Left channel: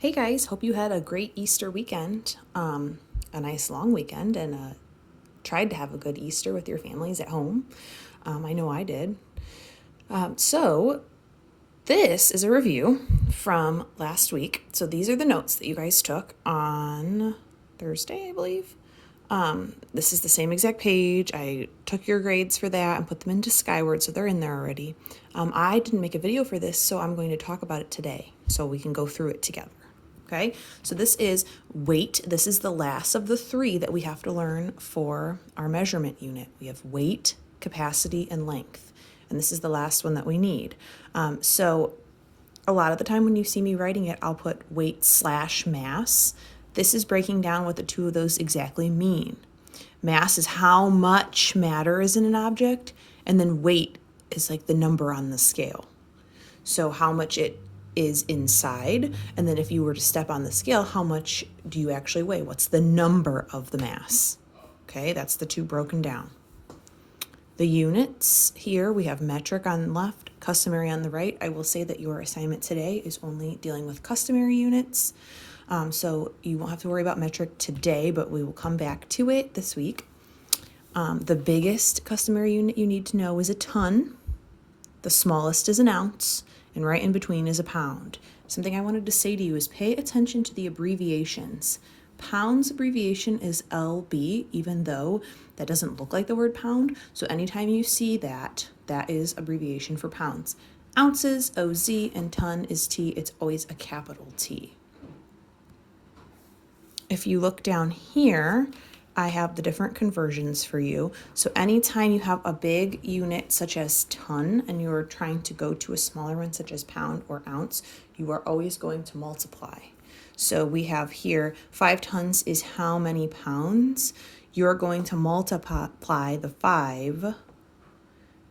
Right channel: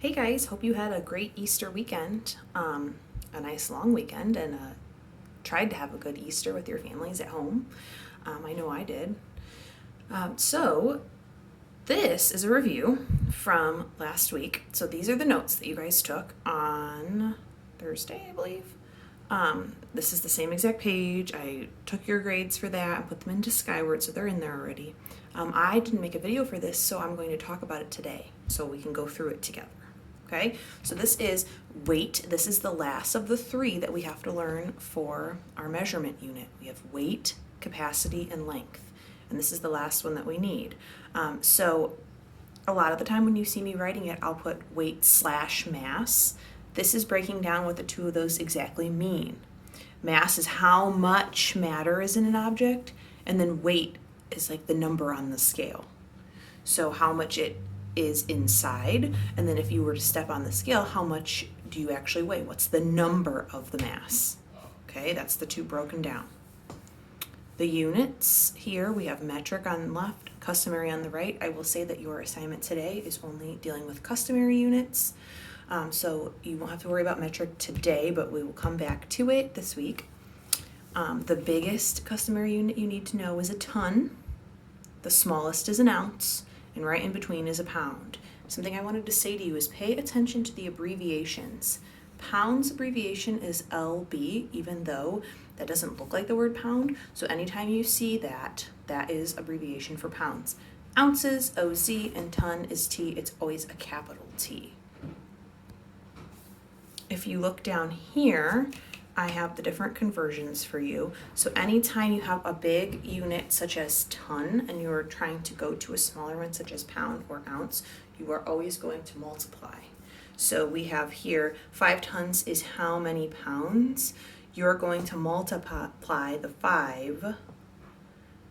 Hey guys, hope you had a great Easter weekend, a nice long weekend, and tried to have a good Easter with your families at home. I know I did. So, this is a review from last week. So, these are the notes that you guys took on Thursday, I believe. This is the same exact page. I took your grades for that and put them into Skyward, so they're in there already. I didn't make a video for this, so I'm going to talk about it today so we can go through it together. Okay, so this is weight. This is the last of the three that we have to learn for our measurement unit. We have weight, capacity, and length. And this is the last one that we need. So a lot of the time when you see me writing it, I'll put weight/mass. This is breaking down what the two of those exactly mean. Mass is how much matter is in an object, and then weight is like the number on the scale. So how much it is inside, and then if you were to step on the scale, how much do you actually weigh? What's the number of the mass? Okay, that's the two broken down. The units here, we have metric on the left, customary on the right. I will say that your assignment today is only dealing with customary units, so you won't have to worry about metric today, but we will come back to it this week. The biggest customary unit you need to know is a ton. The smallest is an ounce, and right in between is a pound. Something I wanted to say to you is pay attention to the abbreviations. Pounds abbreviation is LB, even though that doesn't look like the word pound. So anytime you see that, that is abbreviation for pounds. Ounces, OZ, and ton is T. It's always a capital T. If you look down here, I have the different conversions for you. So anytime you have a big unit such as ton and you're trying to go to a smaller one such as pound or ounce, you are always going to multiply. So we have here 5 tons is how many pounds? You're going to multiply the 5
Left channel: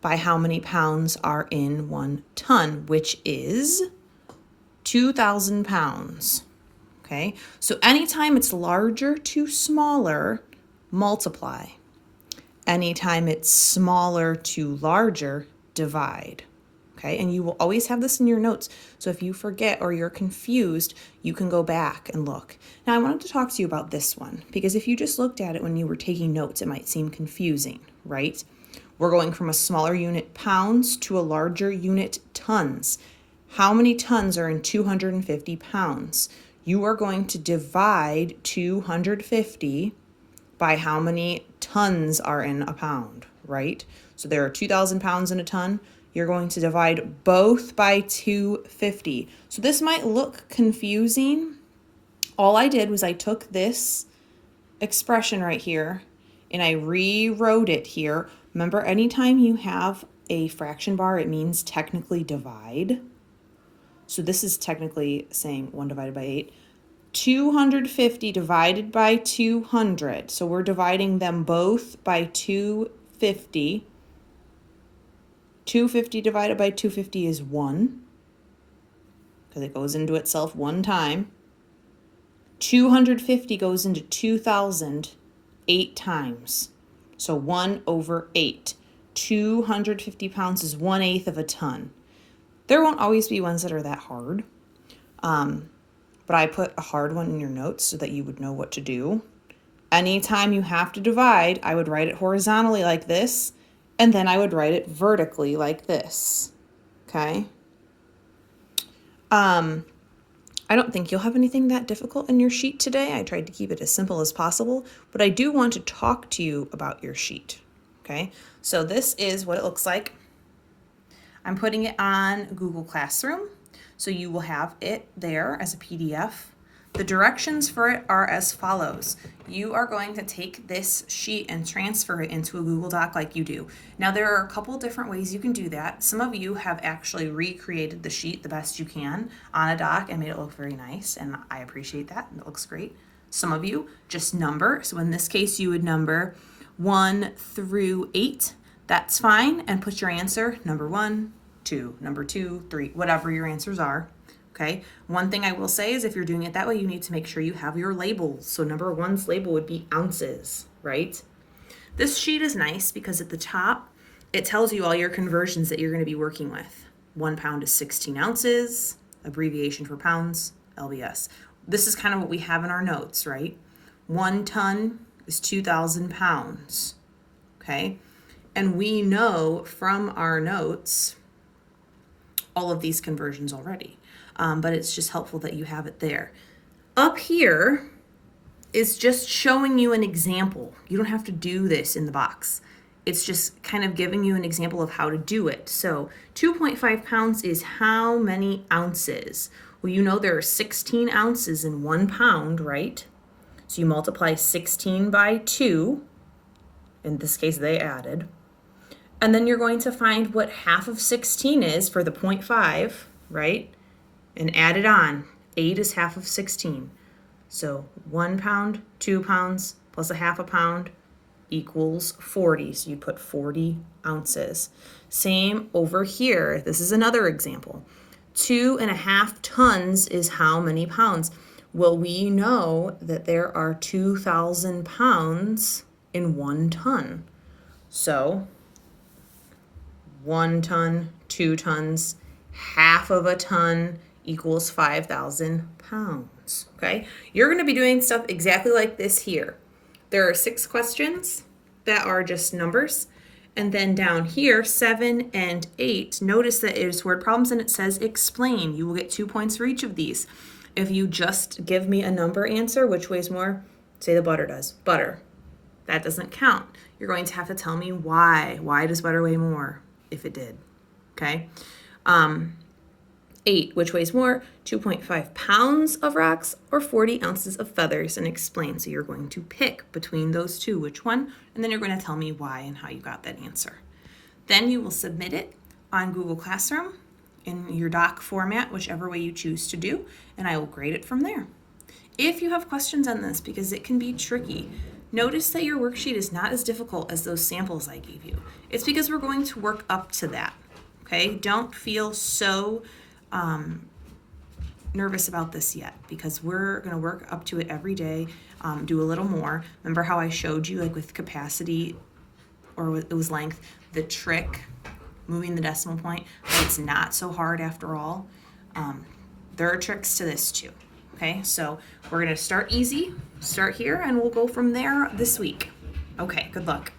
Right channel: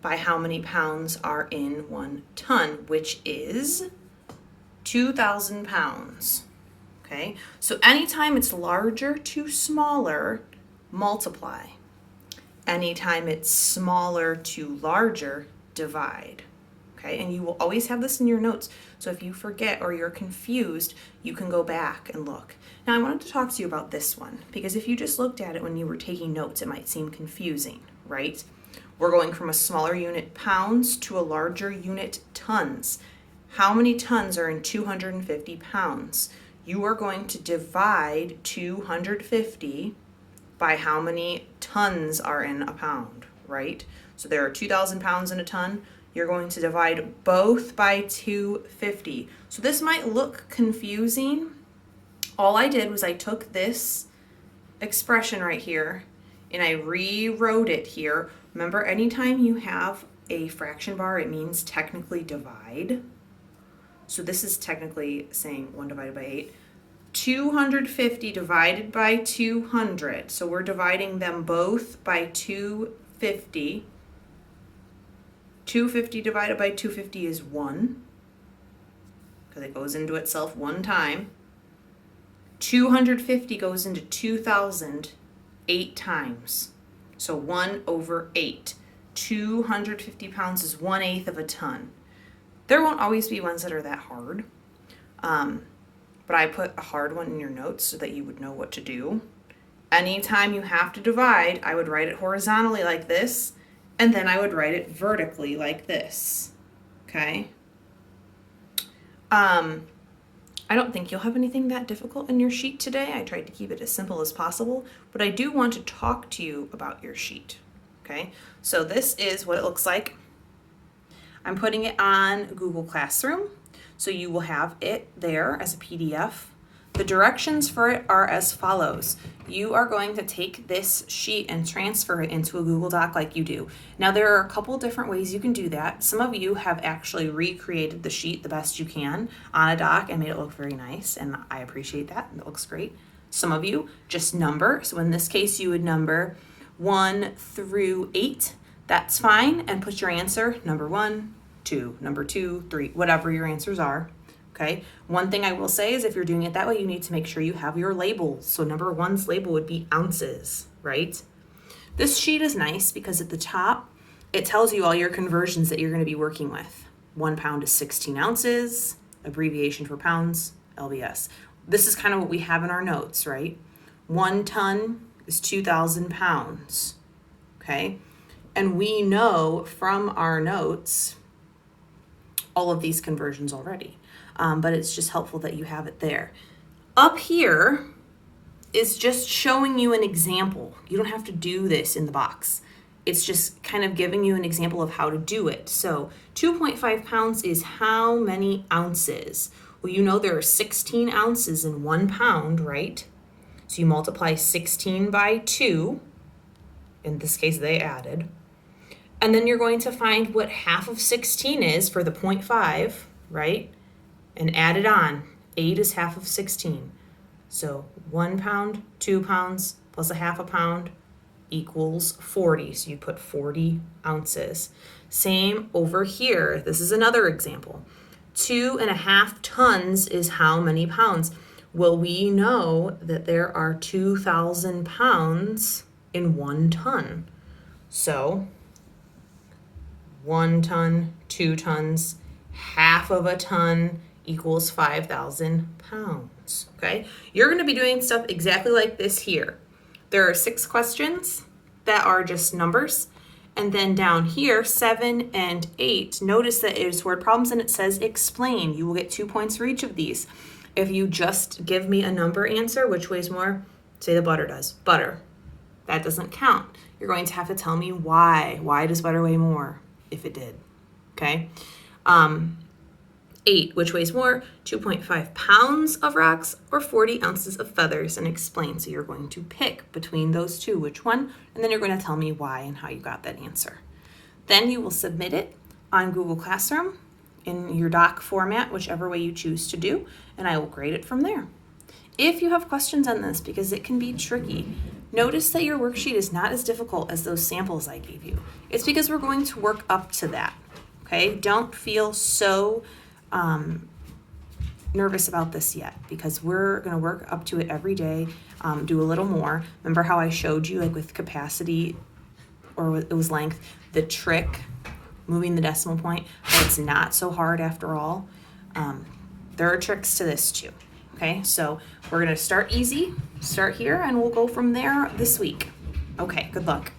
by how many pounds are in 1 ton, which is 2,000 pounds. Okay, so anytime it's larger to smaller, multiply. Anytime it's smaller to larger, divide. Okay, and you will always have this in your notes. So if you forget or you're confused, you can go back and look. Now I wanted to talk to you about this one because if you just looked at it when you were taking notes, it might seem confusing, right? We're going from a smaller unit, pounds, to a larger unit, tons. How many tons are in 250 pounds? You are going to divide 250 by how many tons are in a pound, right? So there are 2,000 pounds in a ton. You're going to divide both by 250. So this might look confusing. All I did was I took this expression right here and I rewrote it here. Remember, anytime you have a fraction bar, it means technically divide. So this is technically saying 1 divided by 8. 250 divided by 200. So we're dividing them both by 250. 250 divided by 250 is 1, because it goes into itself one time. 250 goes into 2,000 8 times. So 1 over 8. 250 pounds is 1/8 of a ton. There won't always be ones that are that hard. But I put a hard one in your notes so that you would know what to do. Anytime you have to divide, I would write it horizontally like this, and then I would write it vertically like this, okay? I don't think you'll have anything that difficult in your sheet today. I tried to keep it as simple as possible, but I do want to talk to you about your sheet, okay? So this is what it looks like. I'm putting it on Google Classroom. So you will have it there as a PDF. The directions for it are as follows. You are going to take this sheet and transfer it into a Google Doc like you do. Now there are a couple different ways you can do that. Some of you have actually recreated the sheet the best you can on a doc and made it look very nice, and I appreciate that. It looks great. Some of you just number. So in this case, you would number 1 through 8. That's fine, and put your answer number 1, 2, number 2, 3, whatever your answers are, okay? One thing I will say is if you're doing it that way, you need to make sure you have your labels. So number 1's label would be ounces, right? This sheet is nice because at the top, it tells you all your conversions that you're going to be working with. 1 pound is 16 ounces, abbreviation for pounds, lbs. This is kind of what we have in our notes, right? 1 ton is 2,000 pounds, okay? And we know from our notes all of these conversions already, but it's just helpful that you have it there. Up here is just showing you an example. You don't have to do this in the box. It's just kind of giving you an example of how to do it. So 2.5 pounds is how many ounces? Well, you know there are 16 ounces in 1 pound, right? So you multiply 16 by 2. In this case, they added. And then you're going to find what half of 16 is for the 0.5, right? And add it on. 8 is half of 16. So 1 pound, 2 pounds, plus a half a pound equals 40. So you put 40 ounces. Same over here. This is another example. 2.5 tons is how many pounds? Well, we know that there are 2,000 pounds in 1 ton. So 1 ton, 2 tons, half of a ton equals 5,000 pounds, okay? You're going to be doing stuff exactly like this here. There are 6 questions that are just numbers. And then down here, 7 and 8, notice that it is word problems and it says explain. You will get 2 points for each of these. If you just give me a number answer, which weighs more? Say the butter does. Butter. That doesn't count. You're going to have to tell me why. Why does butter weigh more if it did? Okay. 8, which weighs more? 2.5 pounds of rocks or 40 ounces of feathers, and explain. So you're going to pick between those two, which one, and then you're going to tell me why and how you got that answer. Then you will submit it on Google Classroom in your doc format, whichever way you choose to do, and I will grade it from there. If you have questions on this, because it can be tricky, notice that your worksheet is not as difficult as those samples I gave you. It's because we're going to work up to that, okay? Don't feel so nervous about this yet, because we're going to work up to it every day, do a little more. Remember how I showed you, like with capacity, or it was length, the trick, moving the decimal point, but it's not so hard after all. There are tricks to this too. Okay, so we're going to start easy, start here, and we'll go from there this week. Okay, good luck.